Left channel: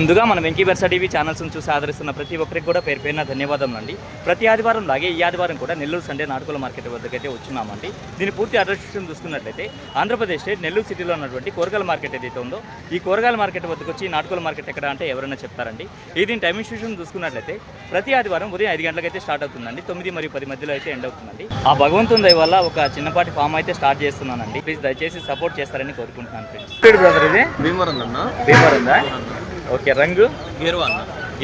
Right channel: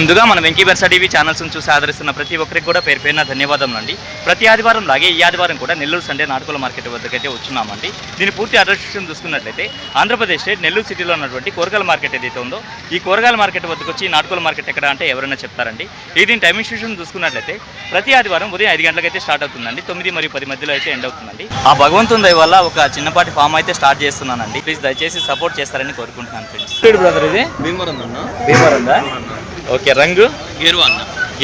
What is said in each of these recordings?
ముందుగా మన వెంకీ బెర్సా టీవీ ఛానల్స్ను చూసి ఆదరిస్తున్న ప్రతి ఒక్కరికి కూడా పేరు పేరున ధన్యవాదములండి. ప్రతి ఆదివారం లాగే ఈ ఆదివారం కూడా నెల్లూరు సండే నాటుకోల మార్కెట్ వద్దకైతే వచ్చున్నామండి. దీని పూర్తి అడ్రస్ చూసుకున్నట్లయితే ఆంధ్రప్రదేశ్ స్టేట్ నెల్లూరు సిటీలో ఉన్నటువంటి కూరగాయల మార్కెట్ ఏదైతే ఉందో ఈ కూరగాయల మార్కెట్ వద్దకు వచ్చి నాటుకోల మార్కెట్ ఎక్కడ అంటే ఎవరైనా చెప్తారండి. దీని టైమింగ్ స్టేషన్ చూసుకున్నట్లయితే ప్రతి ఆదివారం ఉదయం 5 గంటలకైతే స్టార్ట్ అవుతుందండి. 9 మరియు 10 మధ్యలో అయితే ఎండ్ అవుతుందండి. ఆ భగవంతుని దయ వల్ల ఒక చిన్నపాటి ఫామ్ అయితే స్టార్ట్ చేస్తున్నానండి. ప్లీజ్ దయచేసి సపోర్ట్ చేస్తారని కోరుకుంటున్నాను ఫ్రెండ్స్. బ్రదర్ ఇది భీమవరం ఓకే. రంగు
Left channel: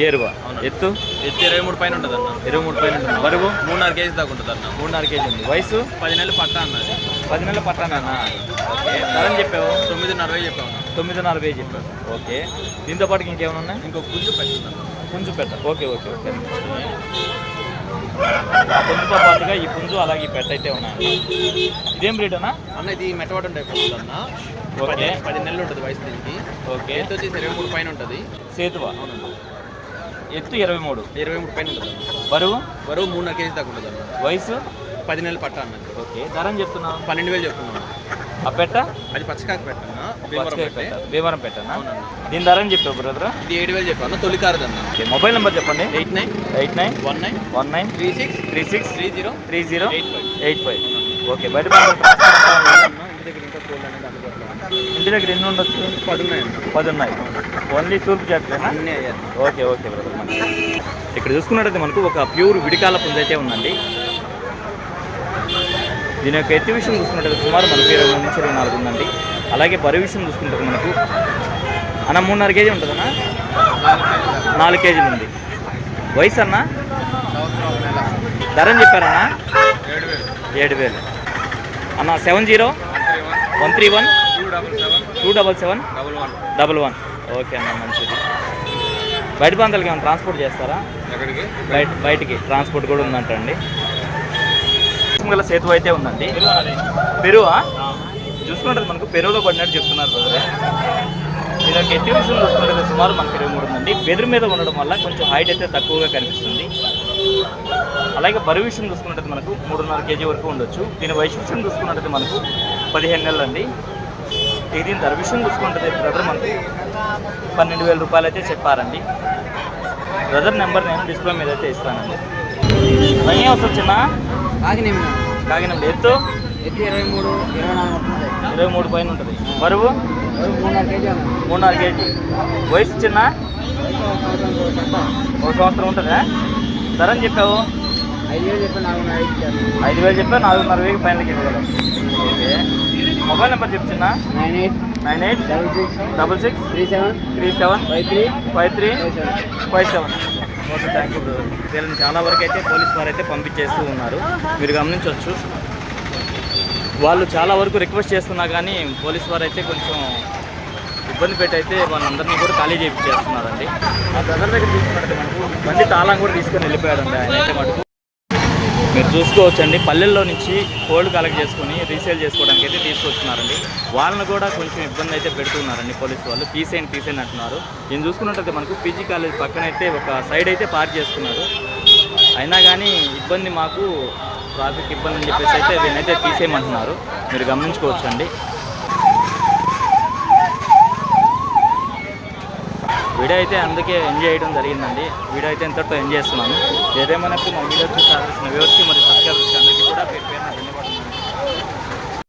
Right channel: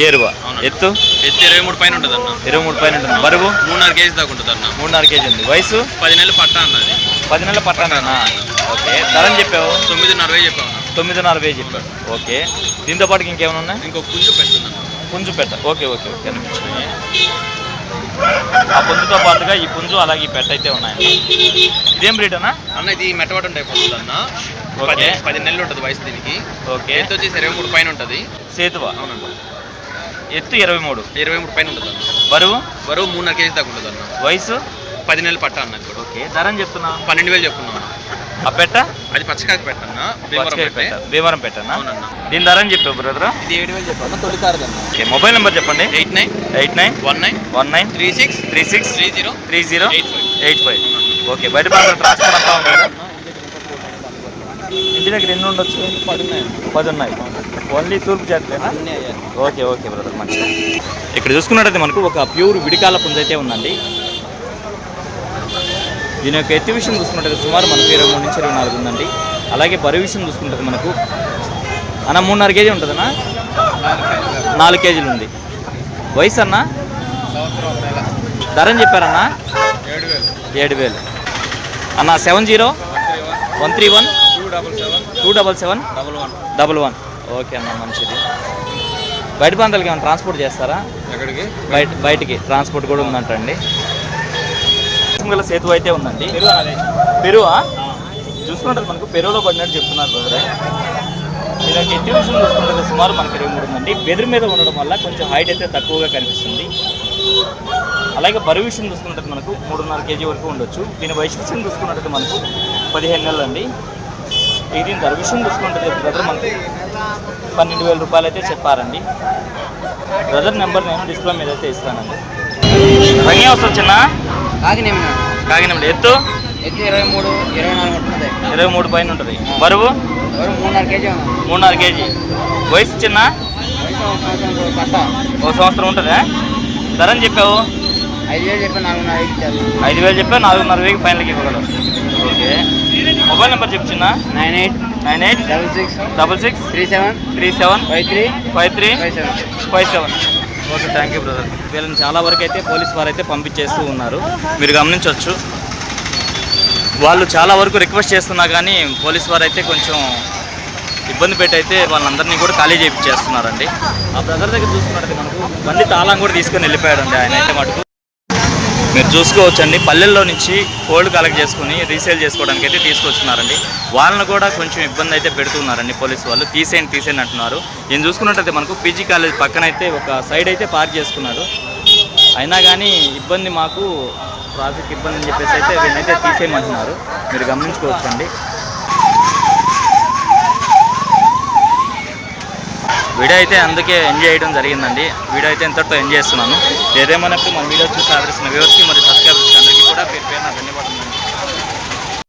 ఏరువా ఎత్తు 23 పైన ఉంటుంది అన్న. 23 పైన ఉంటుంది. బరువు 3.5 కేజీ దాకా ఉంటుంది అన్న. 3.5 కేజీ ఉంది. వయసు 10 నెలలు పట్టా అన్నది. 10 నెలల పట్టానా? ఓకే. ధరని చెప్పావు 9.5 చెప్పావు. 9.5 చెప్పావు. ఓకే. దీంతో పాటు ఇంకేమైనా ఉన్నాయి? ఇంకో పుంజు పెట్టింది. పుంజు పెట్ట. ఓకే ఓకే ఓకే అనిపించినాయి. ఆ పుంజుతో పాటుగా ఈ పుంజు అలాగే ఈ పెట్ట అయితే ఉన్నాయండి. ఇదేం బ్రీడ్ అన్న? అన్న ఇది మెట్టవాటం టైప్ ఉంటుంది అన్న. ఓకే. 10 నెలలు ఉంటుంది వయసు దీనికి. ఓకే. ఎత్తు వచ్చి 23 పైన ఉంటుంది. సేతువా? అవునండి. ఎత్తు 23 పైన ఉంటుంది అన్న. బరువు 3.5 కేజీ దాకా ఉంటుంది అన్న. వయసు 10 నెలలు పట్టా అన్న. ఓకే. ధరని చెప్తున్నా 12,000 చెప్తున్నాను. ఆ పెట్ట అది పచ్చకాకి పెట్టన్న. భీమవరం పెట్టన్నా? అవునన్న. దీని ధరని చెప్పావు బ్రదర్? ఇది 7,000 చెప్పాను. తొలికారదన్న. ఓకే. మొబైల్ నెంబర్ చెప్పండి. 8919 19 36 30 ఓకే. బయట ట్రాన్స్పోర్ట్ అంతా ఉంది. ఇంటి దగ్గర ఎన్ని ఉండొచ్చు? 10 ఉన్నాయి. ఓన్లీ తూర్పు జాతిలేనా? ఓకే ఓకే బ్రదర్, మంచిది. ఇక్కడ చూసుకున్నట్టయితే మనకు ఒక ప్యూర్ విడికాల పుంజ అయితే ఉందండి. దీని యొక్క ఎత్తు విషయం చూసుకున్నట్టయితే సుమారు మనకు 23 నుంచి 24 ఉందండి. అలాగే బరువు విషయం చూసుకుంటే మనకు 3.5 కేజీ ఉంటుందన్నా? 4 కేజీలు ఉంది. వయసు అన్న? ధరని చెప్పారన్నా? 7,000 అన్న. 70 131 277 ఓకే అన్న, మంచిది. బయట ప్రాంతాలకి ఏమైనా ట్రాన్స్పోర్ట్ చేస్తారా? బయటికి ట్రాన్స్పోర్ట్ కూడా ఉందంటండి. గల సేతు అయితే ఉందండి. పెరువా చూసుకుంటే మనకు పెరువులో పడినట్టు చెప్తున్నారు బ్రదర్. ఇలా ఎత్తు విషయం చూసుకుంటే సుమారు మనకి 23 ఉందండి. బెదిరి మీద ఉండడం వల్ల కొంచెం హైట్ అయితే తక్కువగా కనిపిస్తుంది. అలాగే బరువు విషయం చూసుకున్నట్టు మనకు 3.5 కేజీ వరకు ఉండొచ్చు. దీని వయసు విషయం చూసుకున్నట్టు మనకు 15 నెలలు అండి. దీని ధర విషయం చూసుకుంటే బ్రదర్ మనకు 12,000 రూపాయలు అయితే చెప్పారండి. బ్రదర్ నెంబర్ నేను డిస్ప్లే మీద అయితే ఇస్తానండి. రంగే వస్తుంది చిన్న కాకినాడ. ఎత్తు 23 పైన ఉంటుంది. బరువు 3.5 కేజీ. వయసు చిన్న 1 సంవత్సరం ఉంటుందా? ధరని చెప్పావు? 5,000 చెప్పావు. 4.5 ఫైనల్కి ఇవ్వగలవు. ఓకే. మొబైల్ నెంబర్ చెప్పు చిన్న. 98 66 37 53 ఓకే. Thank you brother. వీళ్ళని చాలా వరకు అయితే పోలీస్ వారు అయితే పంపించేస్తూ ఉన్నారు, మీరు గమనించవచ్చు. వాళ్ళు చాలా వరకు రిక్వెస్ట్ చేస్తున్నా కానీ పోలీస్ వారు అయితే కొంచెం ఇబ్బంది పెట్టి అయితే వాళ్ళందరినీ కూడా ఖాళీ చేయించేస్తున్నారండి. ఆ బ్రదర్ దగ్గర చూసుకున్నట్టు మనకు బండి తాళం కూడా తీసుకొని వెళ్ళిపోయాడండి ఆయన అయితే మటుకు. మీరు చూసుకోవచ్చండి, పల్లెల్లో నుంచి కోల్డ్ కలెక్ట్ చేసుకుని రీసేల్ చేసుకోవడానికి అయితే తీసుకొచ్చున్నారండి. వాళ్ళని కూడా కొంచెం ఇబ్బంది అయితే పెడుతున్నారండి పోలీసు వాళ్ళు. తీసేయండి అంటున్నారు. నేను చూసుకున్నట్టయితే మనకు పీజీ కాలేజ్ పక్కన అయితే ఒక సైడ్ అయితే పార్క్ చేసుకున్నాడు. అయినా కానీ ఇబ్బంది, మాకు ట్రాఫిక్ ఇబ్బంది అని చెప్పేసి అయితే వీళ్ళైతే తీసేయమంటున్నారు. మీరు గమనించుకోవచ్చండి. వీడియో అయితే అందుకే ఎంజాయ్ చేయడం జరిగిందండి. వీడియో అయితే ఎంతటితో ఎంజాయ్ చేస్తున్నాను. ఏదేమన్నప్పుడు మన వీడియో చూసి ఆదరిస్తున్న వ్యూవర్స్కి మరియు సబ్స్క్రైబర్స్కి అందరికీ కూడా